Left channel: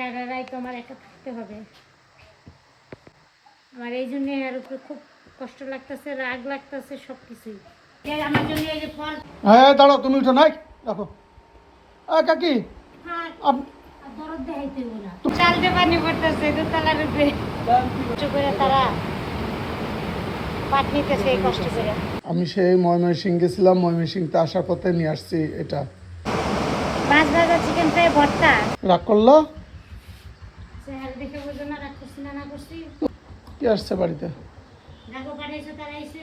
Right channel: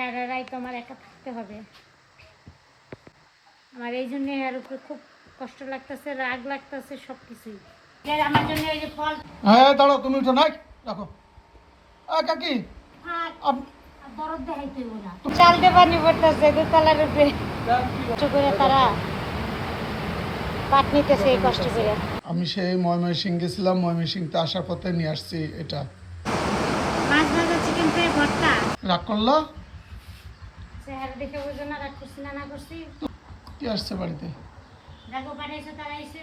সারা রাত আমার একা থাকতে হবে। আমার এই জন্য এর উপরে খুব কষ্ট লাগতেছে, রাগ লাগতেছে, সব কিছুই আমার জন্য। এই যে ফল, হ্যাঁ দাঁড়াও, তুমি উঠো নাই রাখো। কাকি দরদ দেখাইতে না, চালতে পানি পড়তেছে দুতলার উপরে, কষ্ট করে তারা পাট নিতেছে এই কষ্ট করে। আমি সেই ময়মনসিংহ গেছিলাম, ময়মনসিংহতে আসার পথে নিয়ে আসছি এটা মাছ ভাজা, চিকেন ফ্রাই, ভর্তা। রাগ করলো? চেহারা দেখে বুঝো না রাগ করছি না করছি। কি আসছে বাড়িতে? দেখো পাঠাইছে, তারা এসে।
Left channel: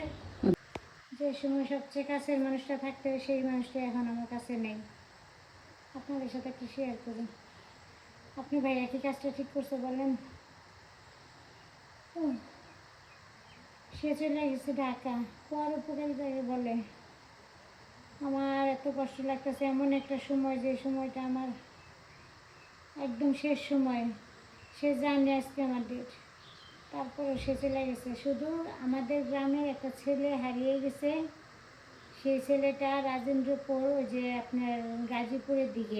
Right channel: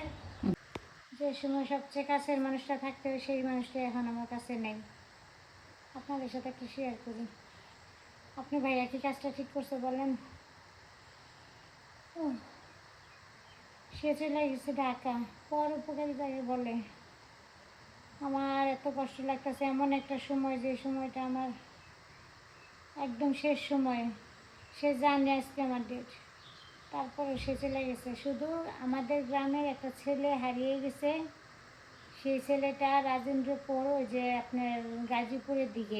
যে সময় সবচেয়ে কাছের মানুষটা থাকতে হবে সেই মানুষটা এখন আমার কাছে নেই। আপনাদের সাথে কি শেয়ার করি? আপনি ভাইয়া কি কাজটা ঠিক করছে বলেন? সে চলে গেছে ঢাকা, পর উপকারী জায়গায় বলে। আমার এত কষ্ট লাগতেছে, এমন একটা সময় যে সময়টা আমার একদম শেষ সময়। সে জানে আজকে আমার ডেট, তারপরে সে চলে গেছে। শুধু আমাদের গ্রামের একটা ছেলে হারিয়ে গেছে। সেই ছেলেটা রাজেন্দ্রপুর, ওই যে আপনার গাজীপুরের দিকে,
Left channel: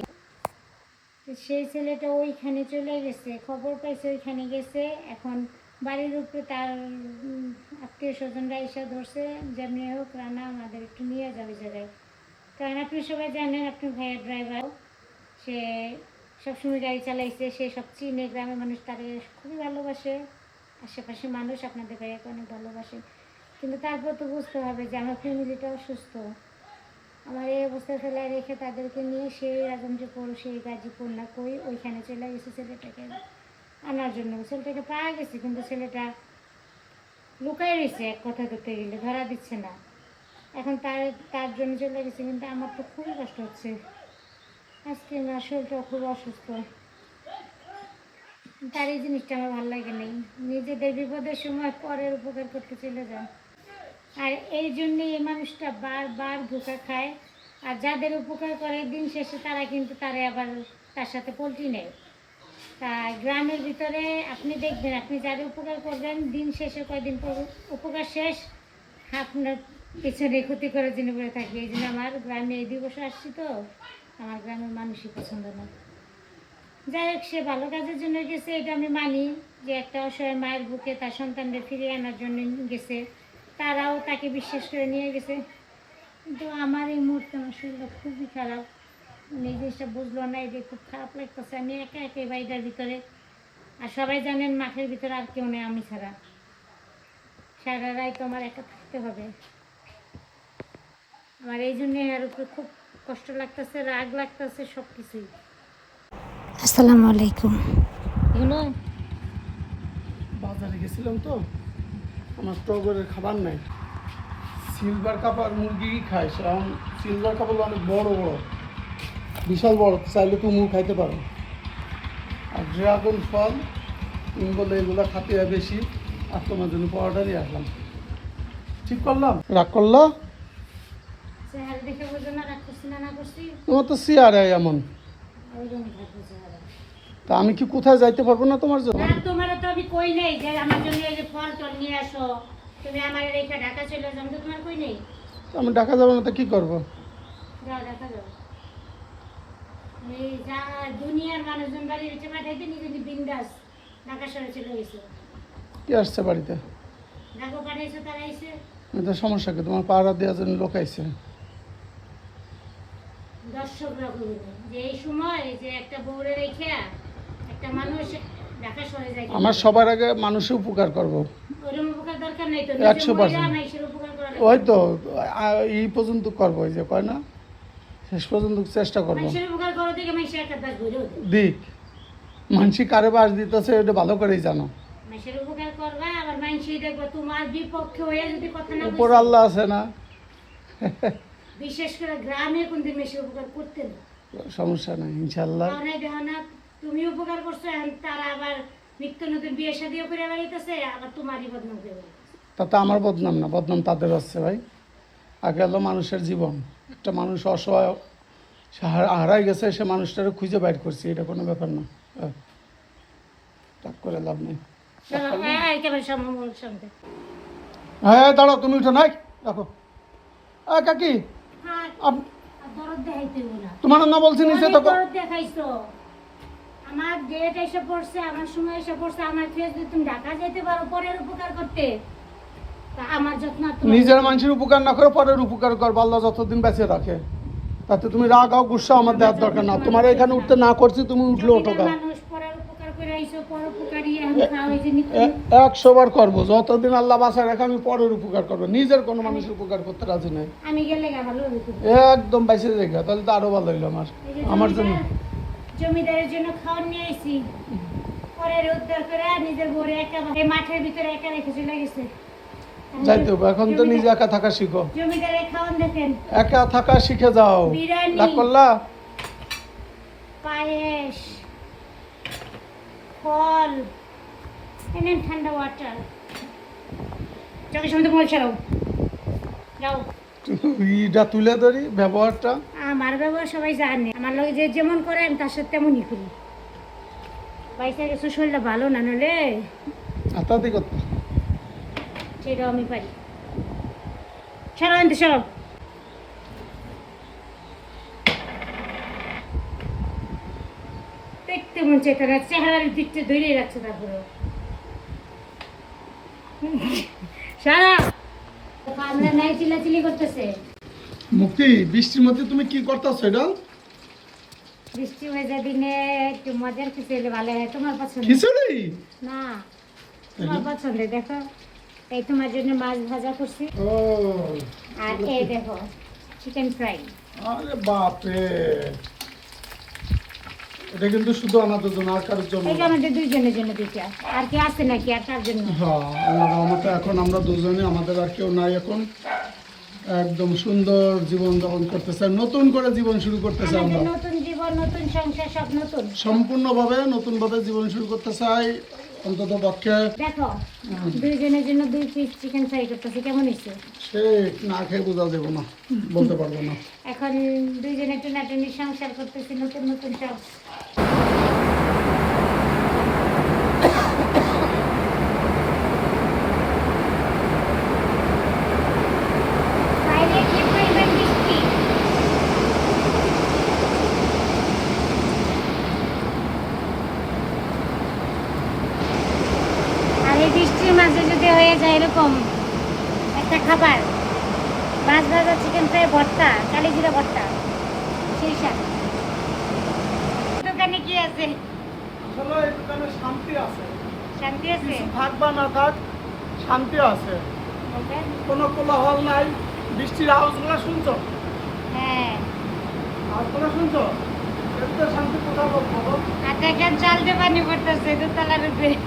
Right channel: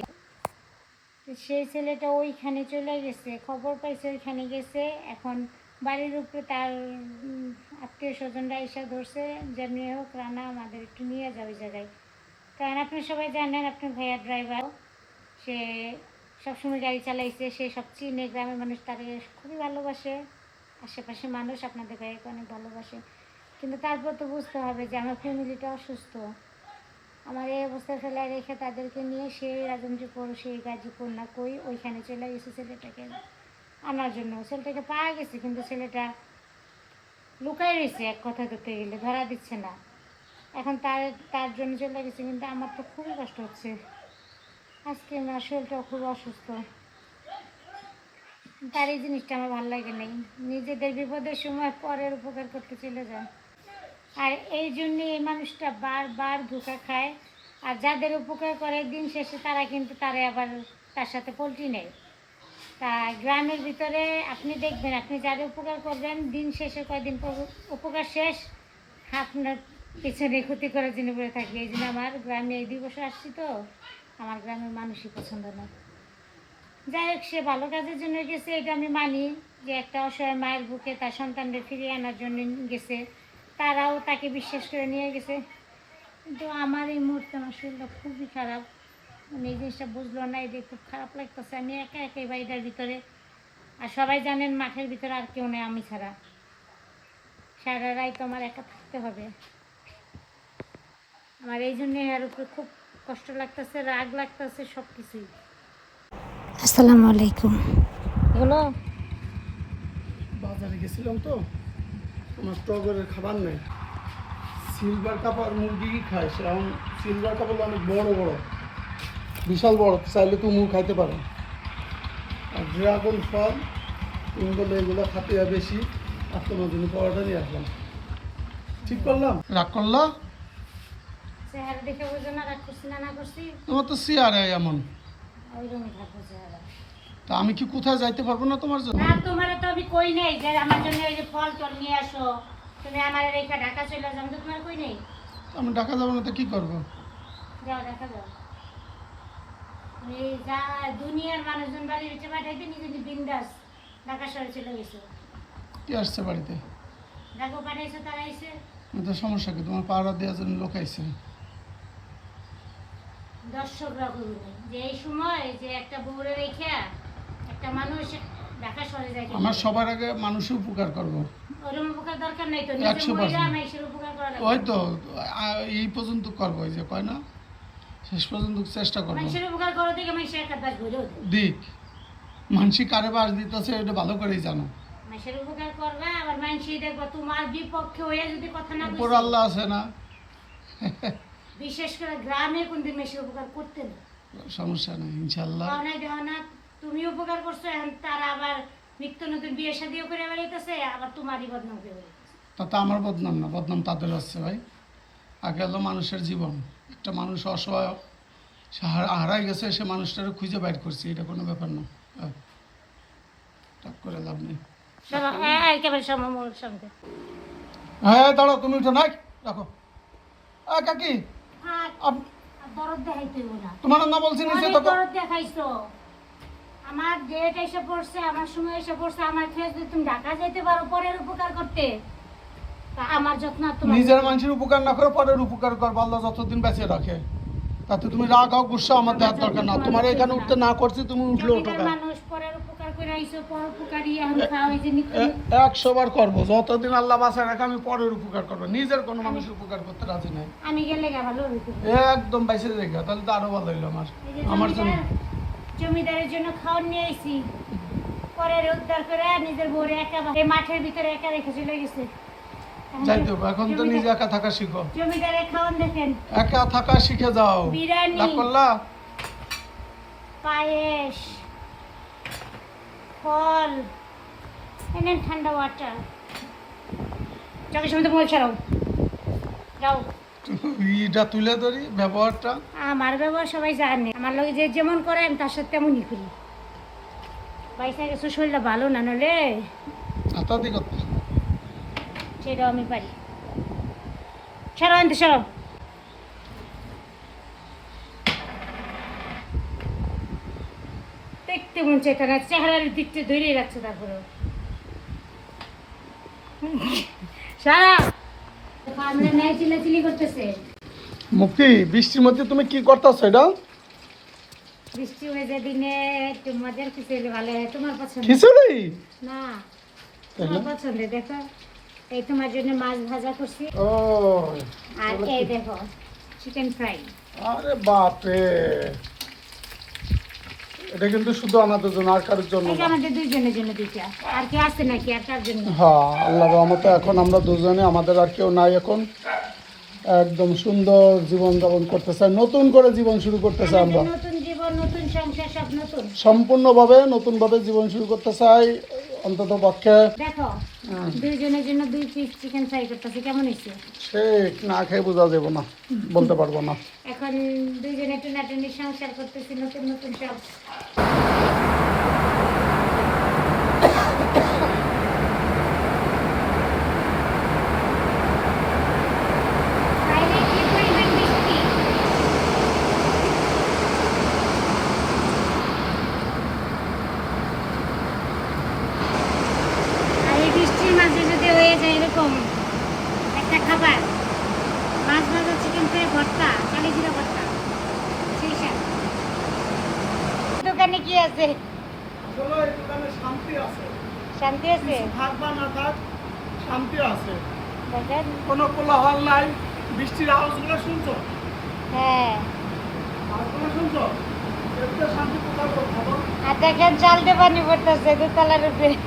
সেই ছেলেটা ওইখানে চলে গেছে, খবর পাইছে ওইখানে গেছে। এখন বাড়ির উপরে তার আত্মীয় স্বজনরা এসে ধরছে, যেমনি হোক রানা আমাদের একটু নিয়ে যাবে জায়গায়। কারণ আপনি সবাই জানেন, আপনার ভাইয়া ড্রাইভার, সে সবসময় গাড়ি চালাইছে, সে সব চিনে, গ্রামের মানুষ তাকে খুবই ভালোবাসে, আশেপাশে মানুষ আপনাদের ভাইয়াকে অনেক ভালোবাসে। কিন্তু তারপর তো বুঝতে হবে যে আমার ফ্যামিলিটা অসুস্থ। আমার এই অবস্থায় ফেলে রেখে তাদেরকে নিয়ে সেই রাজেন্দ্রপুর, সেই গাজীপুর না কই ওইখানে চলে গেছে ছেলেটাকে আনার জন্য। ছেলেটাকে পাওয়া গেছে, কিন্তু ছেলেটা লুকাই রয়েছে, এক কথা ধরতে গেলে ধরা দিচ্ছে না। এখন তার তার জন্য চলে গেছে, কিন্তু আমার তো খুবই কষ্ট হচ্ছে। আজকে আমার শরীরটাও খুব অসুস্থ। তার এই জিনিসটা আমার ভালো লাগে নেই, নিজেদের বিপদের সময় পরের উপকার করতে চলে যায়। আর এই জন্যে এই মানুষটা বারবার ধোঁকা খায়। আর যাদের উপকার করে দিন শেষে তারা কিন্তু তারে আবার তার সাথে পল্টি নেয়। তা গ্রামের ভিতরে আপনি দেখবেন, আপনি যাদের উপকার করবেন দিন শেষে কয়দিন পর উপকার শেষ, আপনার পিছনে ক্ষতি করার জন্য করে থাকবে। এই জন্য আমার গ্রামে এই 2 বছর আসছি তো, আমার গ্রামের মানুষই পছন্দ না। যাই হোক, সে ভালো কাজের জন্য গেছে, এটা আমি মানি, যে একটা অসহায় মায়ের বুকে তার সন্তানদের ফিরিয়ে আনার জন্য গেছে, তারাও তাকে বিশ্বাস করে নিয়ে গেছে। কিন্তু আমার এই মুহূর্তে আমার শরীরটা খুবই খারাপ, এই জিনিসটা বুঝলো না, এই যে খুব খারাপ লাগতেছে। আমি একা একা এই বাড়িটার ভিতরে, আর সবাই জানেন মাঠের ভিতরে আর কেউ নেই আমি ছাড়া। সারা রাত আমার একা থাকতে হবে। আমার এই জন্য এর উপরে খুব কষ্ট লাগতেছে, রাগ লাগতেছে, সব কিছুই। আসসালামু আলাইকুম। হলো বাজারে গেছিলাম তো, আমার টগরের খাবার নাই। সিলভার কাপ আর মুরগি খায়, সেরকম সিলভার কাপ হলো অনেক বড় বড়, বিশাল বড়, চাইলে তুমি খাইতে পারো। আর ড্রাগন ফল তুমি বলে এগুলো খাতে হয় বেশি, আর তোমার জন্য পরোটা নিয়ে আসলাম। ঠিক করলাম? রাগ করলো? চেহারা দেখে বুঝো না রাগ করছি না করছি। তোমার তো চেয়ারে এমন, ওই জন্য থাকবো চেহারা। তা আমি কি কোথায় যাইতে পারবো না তোমার জন্য? না, তোমার তো আমি কই নাই যে আমার জন্য এই যে ফল টল নিয়ে আসো, তুমি আমার রেখা ঢাকা চলে যাও, আমি তো তোমার কই নেই। আমি ঢাকা যাবো না, তো কি করবো? যাও ঢাকা যাও। এই যা দুনিয়ার মানুষজন বাড়ি হচ্ছে পাঠাইতে, নিজে বিন্দাস ঢাকা শহরে চলে গেছো। কি আসছে বাড়িতে? ঢাকা পাঠাইছো, তারা এসে। তো সমস্যা কি? তোমার পাহারা দেওয়ার জন্য লোক আইছে। দর্শকরা করবে যে এই সময় যে একটা বউরে রেখে একটা মানুষ ঢাকা শহরে যায়। আমার সবার আগে মানুষের উপকার করবো, ওরকম উপকার দরকার নাই তো, 100%। মানুষের উপকার করা ওই তো এই পর্যন্ত করবো, এই যে কয় না, শেষ পর্যন্ত চেষ্টা করবো। মানুষের উপকার করো দেখে মানুষের একটা দাস ঘুরে দিক মানসি কারে বাস দিতেছে ওটা ভালো করেই জানো। মানুষের উপকার করবা, আবার মানুষই দেখবো তোমার বিপক্ষে হয়ে যদি কথা না উপর বলছে। আল্লাহ আছে না? বিশেষ করে গ্রামে কোনদিন মানুষের উপকার করতে না, সমস্যা নেই ইনশাল্লাহ। দেখো না তুমি উপকার করছো, এখন তারা আবার নিত্য নতুন বিয়ে শাদিও করে বেড়াইতেছে, আবার তোমারই বদনাম করে বেড়াইতেছে। তাতে আমার বদনাম না, বদনাম তাদের আছে ভাই। আগে হলো মানুষের জীবন, একটা মানুষ অসহায় হারাই গেছে, সে মানুষটারে খুঁজে বাইর করছি, এটা কোনো ব্যাপার না। টাক করে লাভ নেই। একেবারে সমমূল সঙ্গে। হ্যাঁ দাঁড়াও, তুমি উঠো নাই রাখো। কাকি দরদ দেখাইতে না, তোমার না বলছি নিচে তো। দরদ দেখাইছো, আমার ডেট এসে পড়ছে, আমার সময় এসে পড়ছে, আমার খেয়ে যদি তুমি ঢাকা যেতে পারো পরের উপকার করতে, তা আমার যত্ন আর তোমার নিজের মানুষের উপকার না করে পরের উপকার কর, আল্লাহ যতদিন বেঁচে রাখে। তাতে তুমি রাগ হও, গুসা আমার দেওয়ার দরকার না। তোমার এখানে উঠতে না করছি, তুমি উঠলে ওঠো জমিদার কেন? মানুষ পরের উপকার করে আইছো, পরোপকারী এখন খাও এই যে নিত্য 100 বার করবো, যতদিন আল্লাহ বাঁচায় রাখে আমি পরের উপকার করবো, নিজের কোনো মানুষের উপকার করতে রাজি নেই। আমি গেলে গা ভালো হইতো। একদম বাইসে রেখা, তাহলে তো আরো ভালো হইলো আমার এই যে আমার জন্য। জমিদারের জন্য খাওয়ার নিয়ে আইছি, পরের উদ্ধার করে নিজের বউরে একা এই মাঠের ভিতরে একা রেখে চলে গেছে। যাইতে হবে, এখন তো নিজে একা থাকা শিখো। জমিদারের খাওয়ান দেখেন, একা থাকা শিখে যাও। বিরিয়ানি, রাগ করলা? পায়েস, ফল, এনেন ঠান্ডা ওয়াটার। চোখের সামনে মোবাইল ছাড়াও, যাও। ইটা তুলে ধরি ব্যবহারটা। আমার ব্যবহার সবাই জানে, আমার লগে যে যেমন করে আমি তার সাথে তেমনই করি। বাইসা গেছো, শরীরটা ভালো না, নলে আতাতি করতে সেটাও আমি পারি। ছাড়াও আনতে, সব দেখতে মন চাইতে না, চেহারার দিকটা ধরেই রাখছে। তারপরেও সারা আমরা নাই চিল্লাচিল্লি করতেছে। মুক্তি, বৃষ্টির মধ্যে তুমি কি করতেছো এটা? বৃষ্টি হয়ে যায় দিনে একটু মজার কিছু হলে ভালো হয়। তোমার পছন্দ খিচুড়ি না, তোমার পছন্দ। দেখো এই তোমার জন্য মাছ ভাজা করছি, ও, আর এই দেখো চিকেন ফ্রাই। আরে বাপরে, এটা কিন্তু শুধু আমাদের জন্য, আর কারোর জন্য এই যে না। আমাদের দুইজনের জন্য দুইটা, আর কি আছে নাকি আর কার জন্য? হ্যাঁ, আল্লাহর রহমতে এখন আমরা দুজনে, আমাদের আর কেউ নাই। এখন একদম সুন্দর জীবন যাপন করতে চাই, নতুন করে জীবন শুরু করতে চাই আমরা। আমাদের নতুন জীবন, নতুন সংসার, সব নতুন। সম্পূর্ণভাবে নতুনভাবে জীবন শুরু করতে চাই, অন্তত পক্ষে। দেখো দুইজনের জন্য 2 পিস চিকেন ফ্রাই করতেছি, কেমন হয়েছে? সে না খেয়ে বোঝা যাবো না, বলতে পারবো না। এখন দুইজনে টানাটানি সংসার করতেছি, নতুন নতুন সব। বাইরে কি পরিমাণ বৃষ্টি! আর এই বৃষ্টির মাঝে যদি হয়ে যায় এরকম একটা খাবার, মাছ ভাজা, চিকেন ফ্রাই, ভর্তা, কালি জিরা ভর্তা, সেই স্বাদ। দোকানে কি আছে? আসলে এই দোকানে শান্তি আছে, শান্তি আছে? থাক বা না থাক, শান্তি আছে। দেখেন। কোনো কোলাহল নাই। বৃষ্টির আওয়াজগুলো শুনছো? হ্যাঁ, আওয়াজগুলো শুনছো? এতে শান্তি কোথাও বলবো? আর দেখেন চালতে পানি পড়তেছে দোতলার উপরে।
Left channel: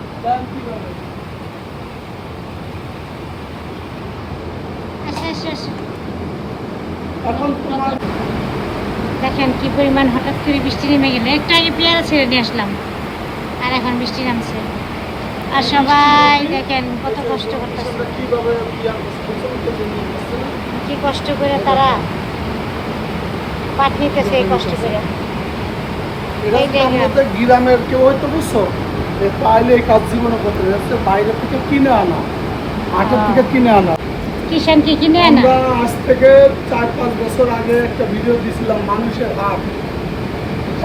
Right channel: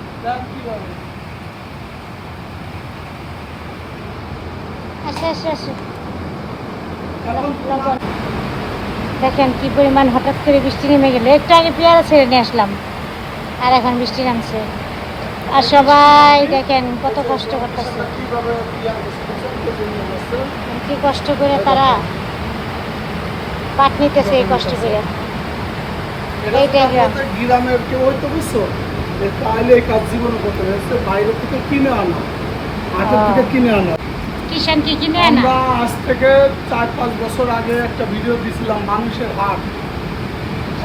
আসো আসো আসো। এখন তোমার দেখেন কি পরিমাণ হঠাৎ করে বৃষ্টি নেমে গেল। একটু আগে পেয়ারা ছেড়ে নিয়ে আসলাম, আর এখন বৃষ্টি নামছে। আর সবাই দেখেন কত কষ্ট করতেছে, কিভাবে ইয়ার কিছু নিয়ে আসছে। কি কষ্ট করে তারা পাট নিতেছে, এই কষ্ট করে। এরা এই যদি জায়গা। আমাদের গ্রামের কেউ হয়তো বুঝছো, তাইলে এই কাজ জীবনে করতে হচ্ছে, বাইরে থেকে কিনে আনা, হাটের থেকে কিনে আনা। কিষান কি কিনে আনা? আমরা আজ থেকে 4-5 বছর আগে একটা ভিডিও দিছিলাম, মানুষের হাট।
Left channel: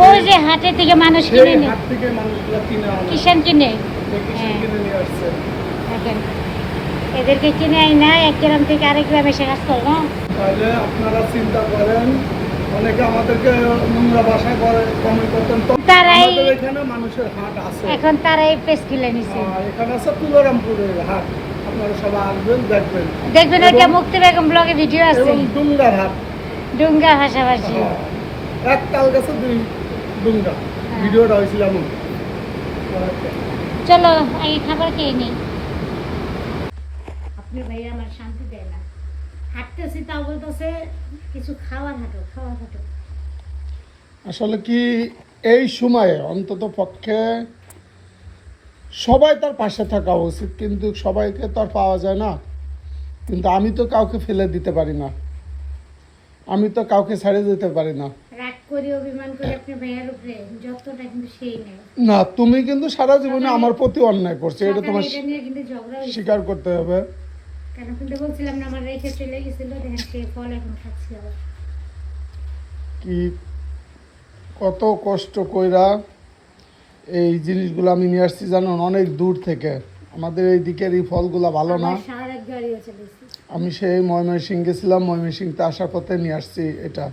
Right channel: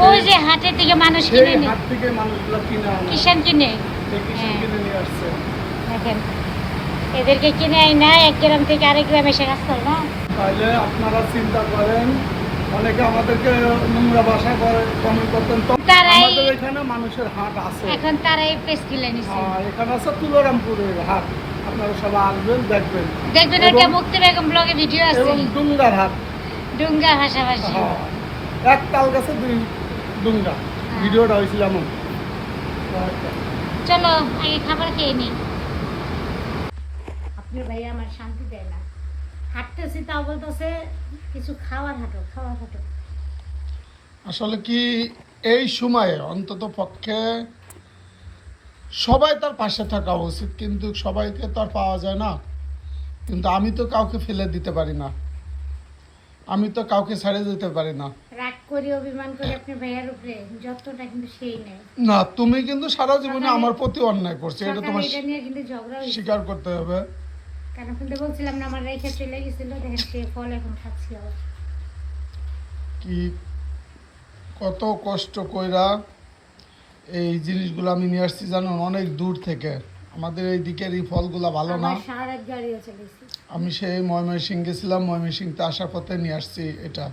ওই যে হাটের থেকে মানুষ সেই কিনে নেয়, হাট থেকে মানুষগুলো কিনে আনা, কিষান কিনে। সেই কিষান হ্যাঁ। কিনে নিয়ে আসছে। দেখেন এদেরকে কিনে আই না, এক গ্রাম থেকে আরেক গ্রামে এসে কাজ করো না। তাহলে আপনারা চিন্তা করেন, অনেকে আমাদেরকে নোংরা ভাষা করে কমেন্ট করতেন, তো তারাই- আমাদের এখানে মানুষের হাট আছে। এখন তারা এই পেস কিনে নিছে। এখানে আছে তুলারামপুরের হাট, আপনারা সবাই আসবেন, দেখবেন। দেখবেন এবং- একটা মুক্তি বেগম ব্লগে ভিডিও আছে, এবং ডুঙ্গার হাট। ডুঙ্গা ভাষাভাষী। হ্যাঁ, এক তাল গাছে 2 ডুঙ্গা, ভিডিওটা হয়েছিল এমন। চলো আগে খাবার খেয়ে নিই। আপনার ভাই আমার শান্তি দেয় না, হাঁটতেছি তাও বলতেছে কিছু খাওয়ার হাঁটো, খাওয়ার হাঁটো। আসলে কি এই সময়ে অন্তত পক্ষে সবাই তার পাশে থাকা উচিত, কিন্তু সবাইকে তো আর পাওয়া যায় না। কিন্তু আমি তো কাউকে ফেলে দিতে পারি না, আমি তো কাউকে ছেড়ে যেতে পারি না। রাগ করি, অভিমান করি আপনার ভাইয়ার উপরে, যতটা কিন্তু সেই নেই। না, তুমি কিন্তু সারা জীবনে আমার প্রতি অন্যায় করছো, এটা সকালে তোমার এটা নিয়ে কিন্তু ঝগড়া হয়েছে, স্বীকার করতে হবে। কেন কিন্তু বলছিলাম না আমার রেখে চলে গেছিল, দেখেন সে ফল এখন খাচ্ছি আবার। কি কত কষ্ট কইরা এই জিনিসগুলো আমি নিয়ে আসছি জানুন অনেক দূর থেকে। আমাদের এই দিকের এই ফলগুলো ভালো না। আমার সারা রাত গাড়িও চলেছে। আমি সেই ময়মনসিংহ গেছিলাম, ময়মনসিংহতে আসার পথে নিয়ে আসছি এটা।